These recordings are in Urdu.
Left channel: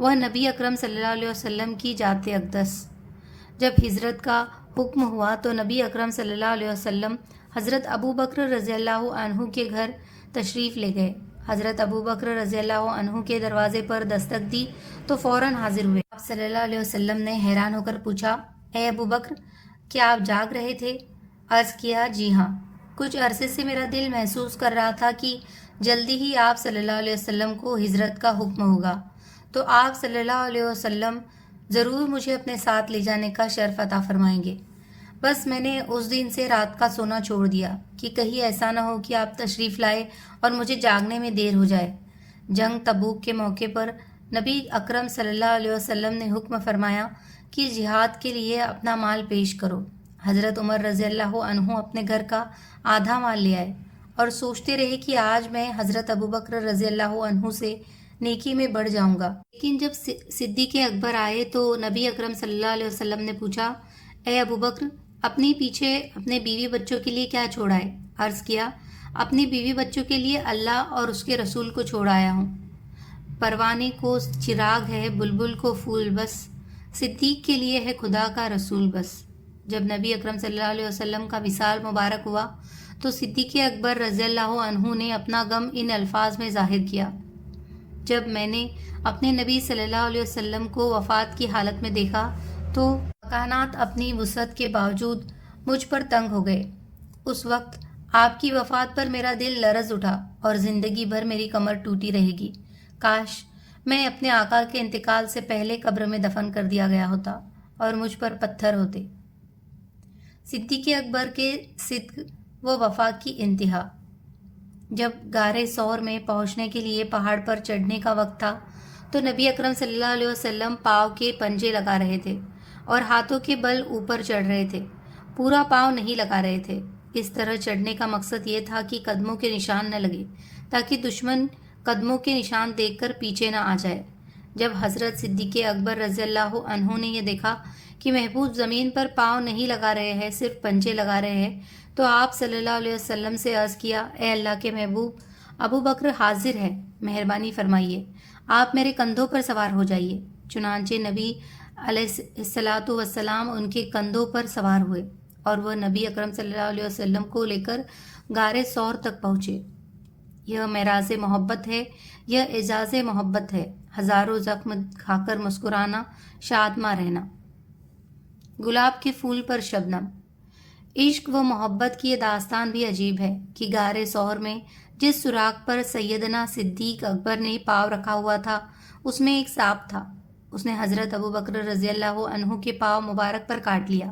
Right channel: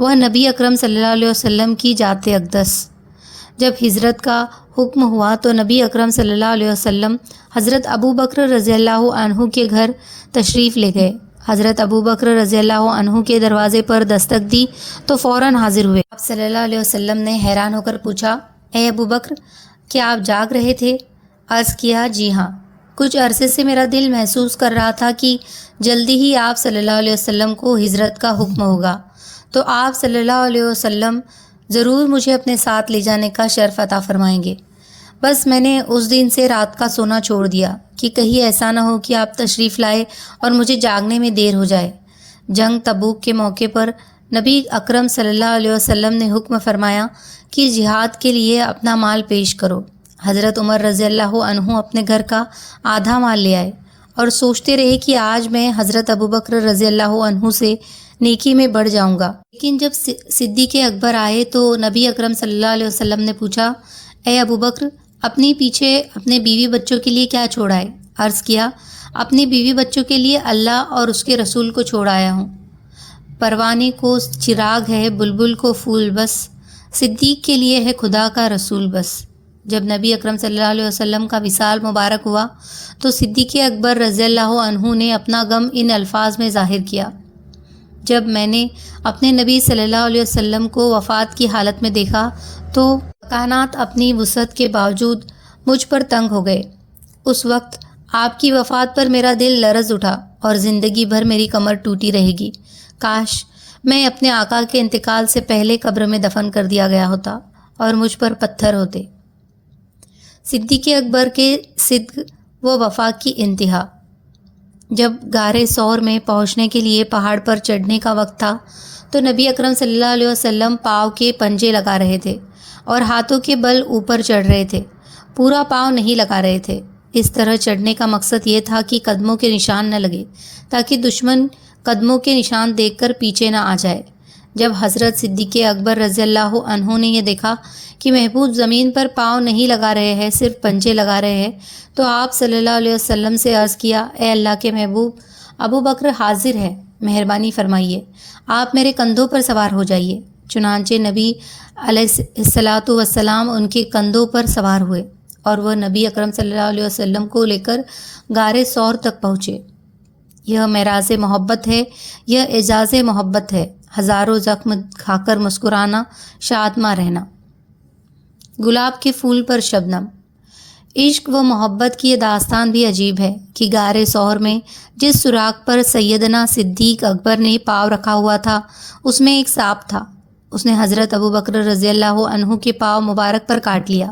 وہ نبی اکرم صلی اللہ علیہ وسلم کی ذات اقدس۔ جب ہجرت کا حکم ہوا تو نبی اکرم صلی اللہ علیہ وسلم حضرت ابو بکر رضی اللہ عنہ کے گھر تشریف لے گئے۔ حضرت ابو بکر رضی اللہ عنہ کے دروازے پر دستک دی تو فوراً حاضر ہوئے۔ آپ صلی اللہ علیہ وسلم نے حیران ہو کر پوچھا، اے ابو بکر، کیا آپ جاگ رہے تھے؟ عرض کیا، جی ہاں، کچھ عرصے سے میرا دل محسوس کر رہا تھا کہ جلدی ہی آپ صلی اللہ علیہ وسلم کو ہجرت کا حکم ہوگا، تو آپ صلی اللہ علیہ وسلم ضرور مجھے اپنے ساتھ لے جانے کا شرف عطا فرمائیں گے۔ بس میں نے اس دن سے رات کا سونا چھوڑ دیا کہ کہیں ایسا نہ ہو کہ آپ تشریف لائے اور مجھے جاگنے میں دیر ہو جائے۔ جنگ تبوک کے موقع پر نبی اکرم صلی اللہ علیہ وسلم نے حکم فرمایا کہ جہاد کے لیے اپنا مال پیش کرو۔ حضرت عمر رضی اللہ عنہ اپنے گھر کا آدھا مال لے آئے اور سوچتے رہے کہ آج میں حضرت ابو بکر رضی اللہ عنہ سے نیکی میں بڑھ جاؤں گا۔ لیکن جب صدیق اکبر آئے تو نبی اکرم صلی اللہ علیہ وسلم نے پوچھا، اے ابو بکر، اپنے پیچھے اپنے بیوی بچوں کے لیے کیا چھوڑا ہے؟ عرض کیا، اپنی بیوی بچوں کے لیے اللہ اور اس کے رسول کو چھوڑ آیا ہوں۔ پروانے کو چراغ ہے، بلبل کو پھول بس، صدیق کے لیے ہے خدا کا رسول بس۔ جب نبی اکرم صلی اللہ علیہ وسلم کا وصال مبارک ہوا تو صدیق اکبر رضی اللہ عنہ نے اپنا غم ان الفاظ میں ظاہر کیا، جب میں نے اپنے نبی صلی اللہ علیہ وسلم کو وفات کی حالت میں دیکھا تو کائنات اپنی وسعت کے باوجود مجھ پر تنگ ہو گئے۔ اس وقت آپ کی وفات پر میرا دل لرز اٹھا اور زندگی بھر میری کمر ٹوٹی رہے گی۔ کاش میں اپنے آقا کے انتقال سے پہلے قبر میں دفن کر دیا گیا ہوتا اور مجھ پر پتھر ہوتے۔ صدیق اکبر کے صدق و وفا کی انتہا۔ جب غار ثور میں پہنچنے کے لیے پہاڑ پر چڑھنے کا وقت تھا تو نبی اکرم صلی اللہ علیہ وسلم پاؤں کے پنجے لگا رہے تھے اور ہاتھوں کے بل اوپر چڑھ رہے تھے، پورا پاؤں نہیں لگا رہے تھے۔ اس طرح چڑھنے کا مقصد یہ تھا کہ قدموں کے نشان نہ لگے تاکہ دشمن قدموں کے نشان دیکھ کر پیچھے نہ آ جائے۔ جب حضرت صدیق اکبر رضی اللہ عنہ نے یہ دیکھا کہ محبوب زمین پر پاؤں نہیں لگا رہے ہیں، صرف پنجے لگا رہے ہیں، تو آپ صلی اللہ علیہ وسلم سے عرض کیا، اے اللہ کے محبوب، ابو بکر حاضر ہے، مہربانی فرمائیے، آپ میرے کندھوں پر سوار ہو جائیے۔ چنانچہ نبی علیہ الصلاۃ والسلام ان کے کندھوں پر سوار ہوئے اور وہ نبی اکرم صلی اللہ علیہ وسلم کو لے کر غار ثور تک پہنچے۔ یہ معراج محبت ہے، یہ اعزاز محبت ہے، ہزاروں زخم کھا کر مسکرانا، شادماں رہنا۔ گلاب کے پھول پر شبنم۔ عشق و محبت کی یہ داستان بھی عجیب ہے کہ غار ثور میں جس سوراخ پر سیدنا صدیق اکبر نے پاؤں رکھا ہوا تھا اس میں ایک سانپ تھا۔ اس نے حضرت ابو بکر رضی اللہ عنہ کے پاؤں مبارک پر کاٹ لیا۔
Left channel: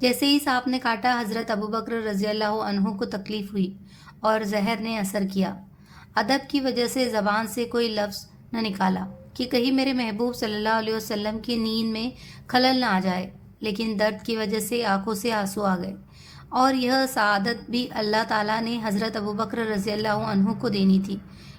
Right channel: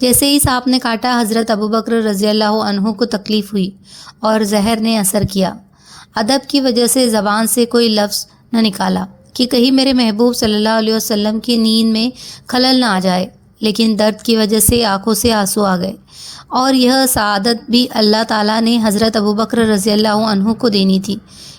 جیسے ہی سانپ نے کاٹا، حضرت ابو بکر رضی اللہ عنہ کو تکلیف ہوئی اور زہر نے اثر کیا۔ ادب کی وجہ سے زبان سے کوئی لفظ نہ نکالا کہ کہیں میرے محبوب صلی اللہ علیہ وسلم کی نیند میں خلل نہ آ جائے، لیکن درد کی وجہ سے آنکھوں سے آنسو آ گئے، اور یہ سعادت بھی اللہ تعالیٰ نے حضرت ابو بکر رضی اللہ عنہ کو دینی تھی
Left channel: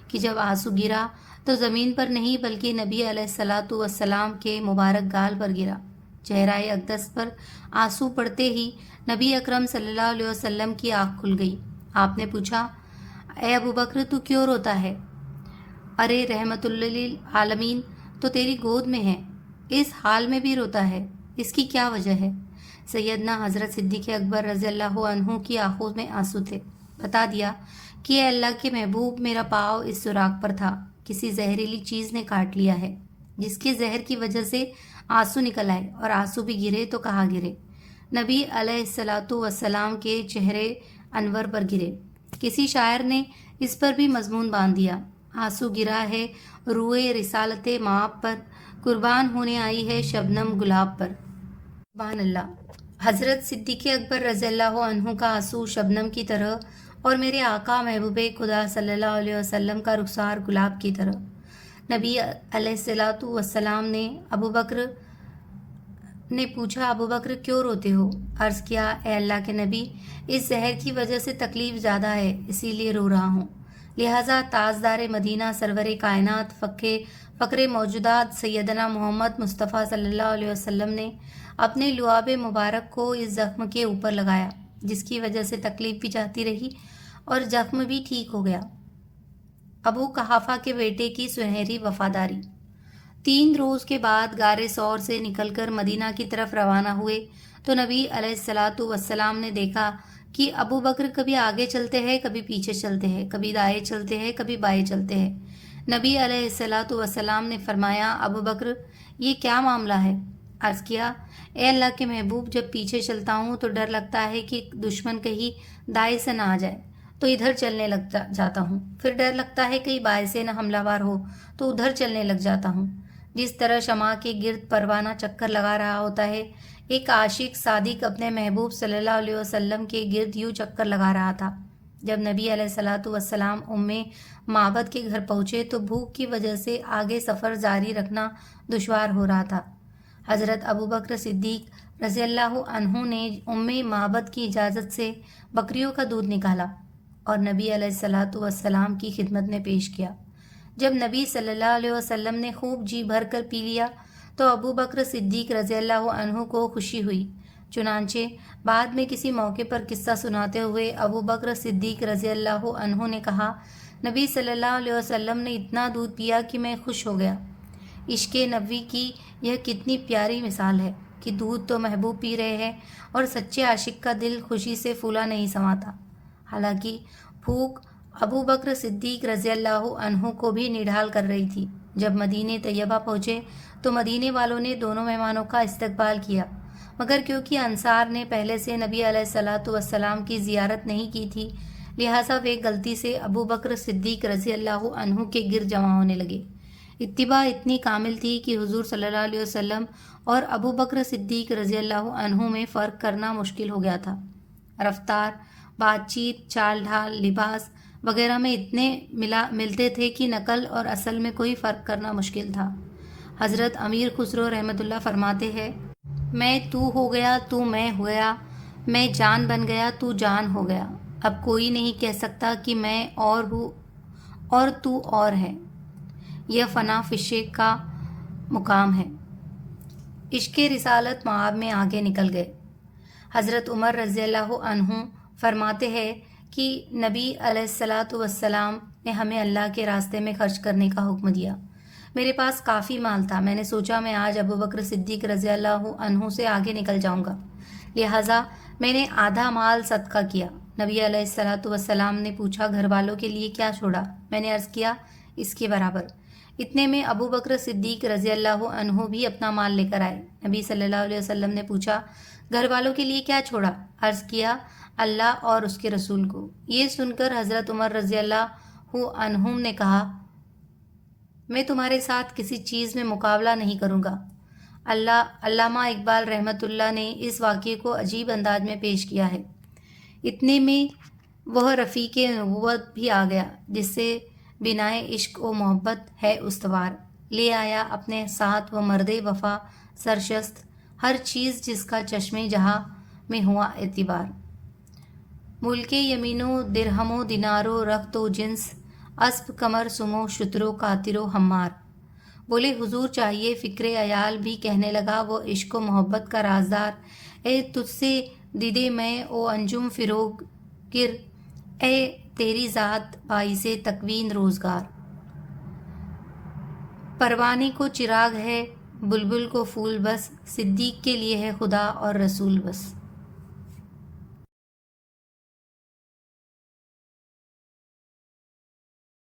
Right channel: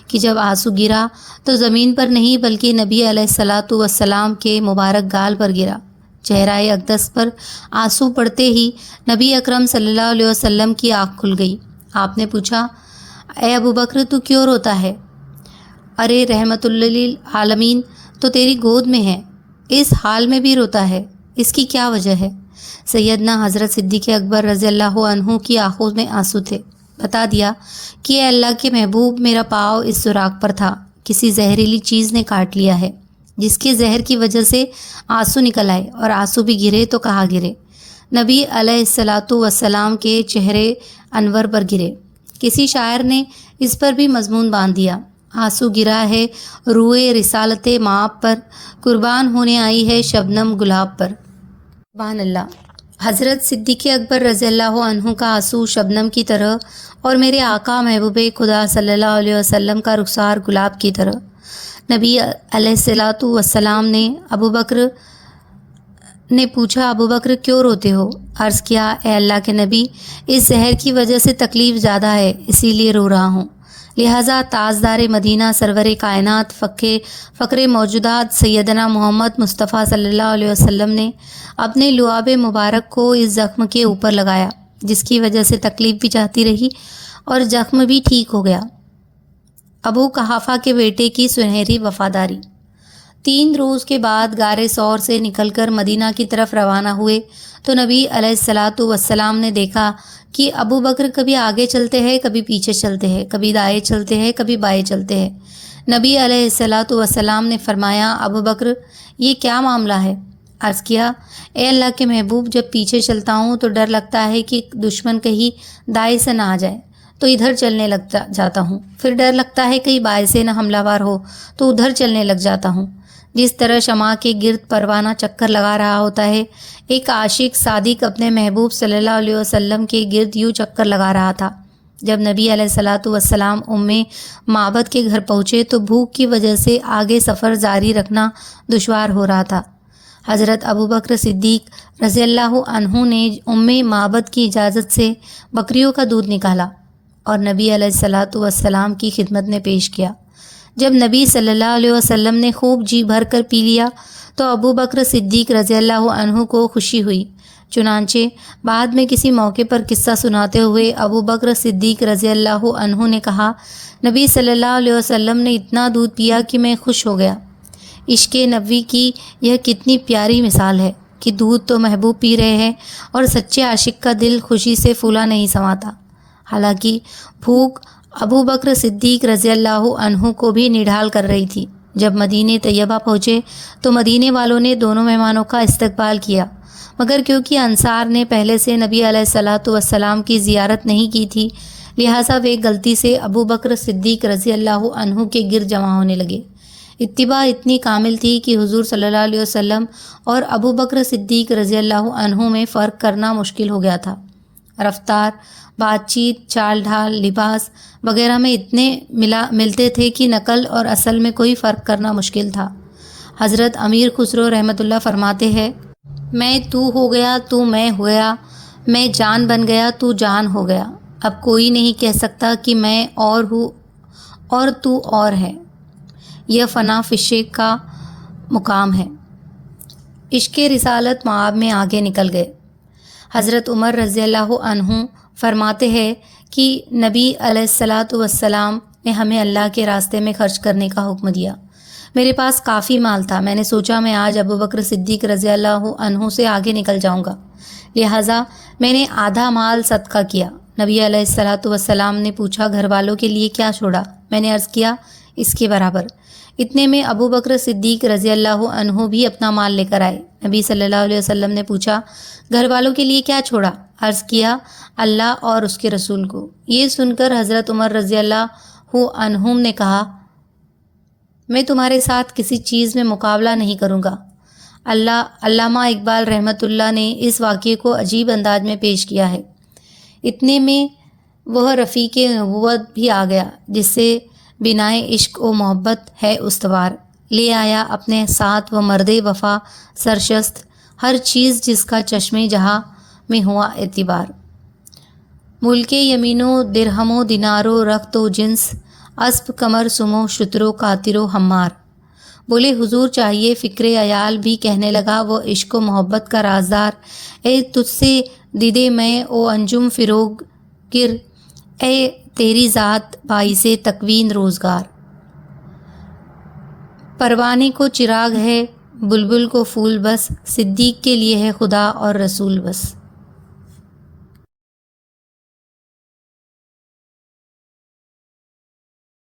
کہ جب آنسو گرا تو زمین پر نہیں بلکہ نبی علیہ الصلاۃ والسلام کے مبارک گال پر گرا۔ چہرہ اقدس پر آنسو پڑتے ہی نبی اکرم صلی اللہ علیہ وسلم کی آنکھ کھل گئی۔ آپ نے پوچھا، اے ابو بکر، تو کیوں روتا ہے؟ ارے رحمت للعالمین تو تیری گود میں ہے، اس حال میں بھی روتا ہے، اس کی کیا وجہ ہے؟ سیدنا حضرت صدیق اکبر رضی اللہ عنہ کی آنکھوں میں آنسو تھے۔ بتا دیا کہ اے اللہ کے محبوب، میرا پاؤں اس سوراخ پر تھا، کسی زہریلی چیز نے کاٹ لیا ہے، جس کے زہر کی وجہ سے آنسو نکل آئے، اور آنسو بھی گرے تو کہاں گرے؟ نبی علیہ الصلاۃ والسلام کے چہرے انور پر گرے۔ کسی شاعر نے اس پر بھی مضمون باندھ دیا، آنسو گرا ہے روئے رسالت مآب پر، قربان ہونے آئی ہے شبنم گلاب پر۔ سبحان اللہ۔ حضرت صدیق اکبر رضی اللہ عنہ کا آنسو شبنم کی طرح اور میرے آقا محبوب خدا صلی اللہ علیہ وسلم کا رخسار گلاب کی طرح۔ نبی علیہ الصلاۃ والسلام نے ابو بکر نے پوچھا، ابو بکر کیوں روتے ہو؟ عرض کیا، اے اللہ کے نبی، اس زہر کی وجہ سے تکلیف زیادہ ہے، اسی لیے رو رہا ہوں۔ لہٰذا تاجدار مدینہ، سرور کائنات، فقر موجودات سیدنا محمد مصطفیٰ صلی اللہ علیہ وسلم نے اپنے لعاب مبارک کو اس زخم کے اوپر لگایا، جس کی وجہ سے تکلیف بھی جاتی رہی اور زخم بھی ٹھیک ہو گیا۔ ابو قحافہ کے بیٹے کی سنہری وفاداری۔ 3 روز کے بعد غار ثور سے نکل کر مدینہ کی طرف روانہ ہوئے تو نبی علیہ الصلاۃ والسلام نے دیکھا کہ ابو بکر کبھی آگے چلتے ہیں، کبھی پیچھے چلتے ہیں، کبھی دائیں چلتے ہیں، کبھی بائیں چلتے ہیں۔ نبی علیہ الصلاۃ والسلام نے فرمایا، ابو بکر یہ کیا معاملہ ہے؟ عرض کیا، اے اللہ کے محبوب، جب پیچھے چلتا ہوں تو ڈر لگتا ہے کہ دشمن کہیں دائیں سے نہ آ جائے تو ادھر چلنے لگ جاتا ہوں، پھر ڈر لگتا ہے کہیں بائیں سے نہ حملہ وار ہو تو ادھر چلنے لگ جاتا ہوں۔ جس طرح شمع کے گرد پروانہ چکر لگا رہا ہوتا ہے، ایک عاشق صادق اپنے محبوب صلی اللہ علیہ وسلم کے گرد یوں چکر لگا رہا تھا۔ جب نبی علیہ الصلاۃ والسلام معبد کے گھر پہنچے تو بھوک کی وجہ سے آگے سفر جاری رکھنا دشوار ہو رہا تھا۔ حضرت ابو بکر صدیق رضی اللہ عنہ نے معبد کی اجازت سے بکریوں کا دودھ نکالا اور نبی علیہ الصلاۃ والسلام کی خدمت میں پیش کیا۔ جب نبی صلی اللہ علیہ وسلم نے خوب جی بھر کر پی لیا تو ابو بکر صدیق رضی اللہ عنہ کو خوشی ہوئی۔ چنانچہ بعد میں کسی موقع پر قصہ سناتے ہوئے ابو بکر صدیق رضی اللہ عنہ نے کہا، نبی صلی اللہ علیہ وسلم نے اتنا دودھ پیا کہ میں خوش ہو گیا۔ عشق نبوی کی یہ کتنی پیاری مثال ہے کہ دودھ تو محبوب پی رہے ہیں اور سچے عاشق کا دل خوشی سے پھولا نہیں سماتا۔ حالانکہ بھوک ابو بکر صدیق رضی اللہ عنہ کو بھی نڈھال کر رہی تھی۔ جب مدینہ طیبہ پہنچے تو مدینے والوں نے دونوں مہمانوں کا استقبال کیا، مگر کیونکہ انصار نے پہلے سے نبی علیہ الصلاۃ والسلام کی زیارت نہیں کی تھی، لہٰذا وہ غلطی سے ابو بکر صدیق رضی اللہ عنہ کے گرد جمع ہونے لگے۔ اتباع اتنی کامل تھی کہ حضور صلی اللہ علیہ وسلم اور ابو بکر صدیق رضی اللہ عنہ میں فرق کرنا مشکل ہو گیا تھا۔ رفتار، بات چیت، چال ڈھال، لباس وغیرہ میں اتنے ملتے تھے کہ نقل اور اصل میں کوئی فرق کرنا مشکل تھا۔ حضرت امیر خسرو رحمۃ اللہ فرماتے ہیں، میں تو ہو گیا، تو میں ہو گیا، میں جان بن گیا، تو جان ہو گیا۔ اب کوئی نہیں کہہ سکتا کہ میں اور ہوں اور تو اور ہے۔ یہ فنا فشے کا مقام ہے۔ عشق رسالت معاب میں آگے نکل گئے۔ حضرت عمر رضی اللہ عنہ فرماتے ہیں کہ نبی علیہ الصلاۃ والسلام نے ہمیں اللہ کے راستے میں خرچ کرنے کا حکم دیا۔ میرے پاس کافی مال تھا، میں نے سوچا میں آج ابو بکر صدیق رضی اللہ عنہ سے آگے نکل جاؤں گا، لہٰذا میں نے آدھا مال صدقہ کیا۔ نبی علیہ الصلاۃ والسلام نے پوچھا، گھر والوں کے لیے کیا چھوڑا؟ میں نے عرض کیا، اس کے برابر۔ اتنے میں ابو بکر صدیق رضی اللہ عنہ بھی اپنا مال لے کر آئے۔ نبی صلی اللہ علیہ وسلم نے پوچھا، گھر والوں کے لیے کیا چھوڑا؟ عرض کیا، اللہ اور اس کے رسول کو۔ یہ سن کر حضرت عمر رضی اللہ عنہ نے کہا، میں تمہارے ساتھ کسی چیز میں مقابلہ نہیں کروں گا۔ علامہ اقبال رحمۃ اللہ نے اس واقعے کو عجیب انداز میں پیش کیا ہے۔ اتنے میں وہ رفیق نبوت بھی آ گیا جس سے بنائے عشق و محبت ہے استوار، لے آیا اپنے ساتھ وہ مرد وفا سرشست، ہر چیز جس کا چشمے جہاں میں ہوا اعتبار۔ ملک یمین و درہم و دینار و رخت و جنس، اسب کمر سمو شترو کاترو ہمار۔ بولے حضور چاہیے فکر عیال بھی، کہنے لگا وہ عشق و محبت کا رازدار، اے تجھ سے دیدے میں او انجم فروغ گر، اے تیری ذات باعث تکوین روزگار۔ پروانے کو چراغ ہے، بلبل کو پھول بس، صدیق کے لیے ہے خدا اور رسول بس۔